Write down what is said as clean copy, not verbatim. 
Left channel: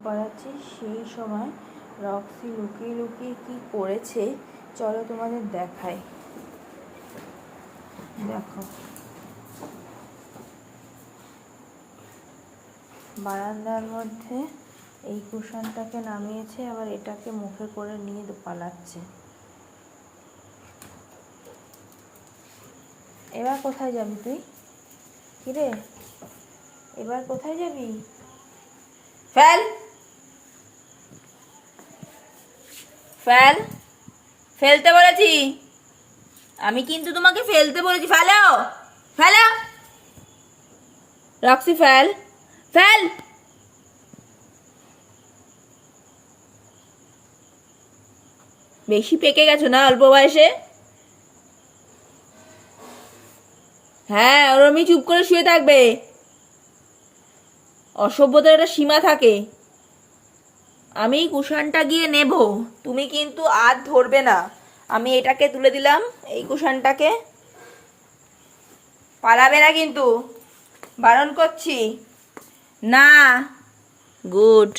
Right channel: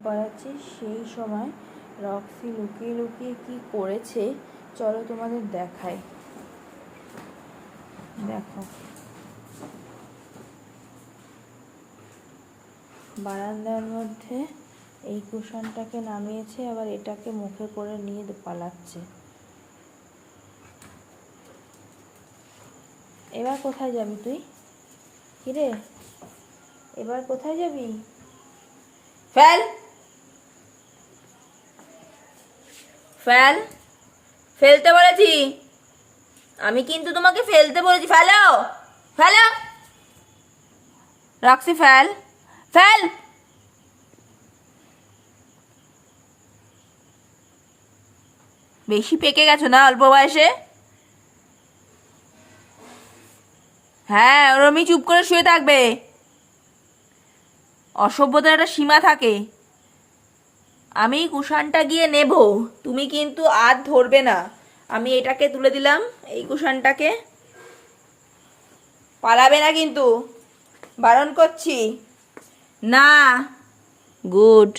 পড়াচ্ছি সেই সময় রক্সি লুকিয়ে লুকিয়ে কি করেছে চলো তোমাদের দেখাই। দেখো, বারান্দার মধ্যে এই কুশনটাকে নামিয়েছে, আবার এটাকে মুখে করে নিয়ে পালাচ্ছে। এবার কোথায় যাবি তুই? কিরে, এবার কোথায় যাবি? ফেল ফেল ফেলতে বলেছি আমি, কিন্তু তোমাকে ফেলতে বলেছি। ফেলো ফেলো রক্সি, ফেল ফেল। বেশি পেকে গেছো না অল্প বয়সে? হ্যাঁ, ওরমই চুপ করে শুয়ে থাকবে। অসভ্যতার একটা সীমা থাকে। আমি কুশানটা গিয়ে নেব, তুমি কিন্তু আর ধরবে না। আমি এটাকে তুলে দিলাম, এই কুশানটাকে। পালাবে না কিন্তু, বারণ করছি। না, গুড।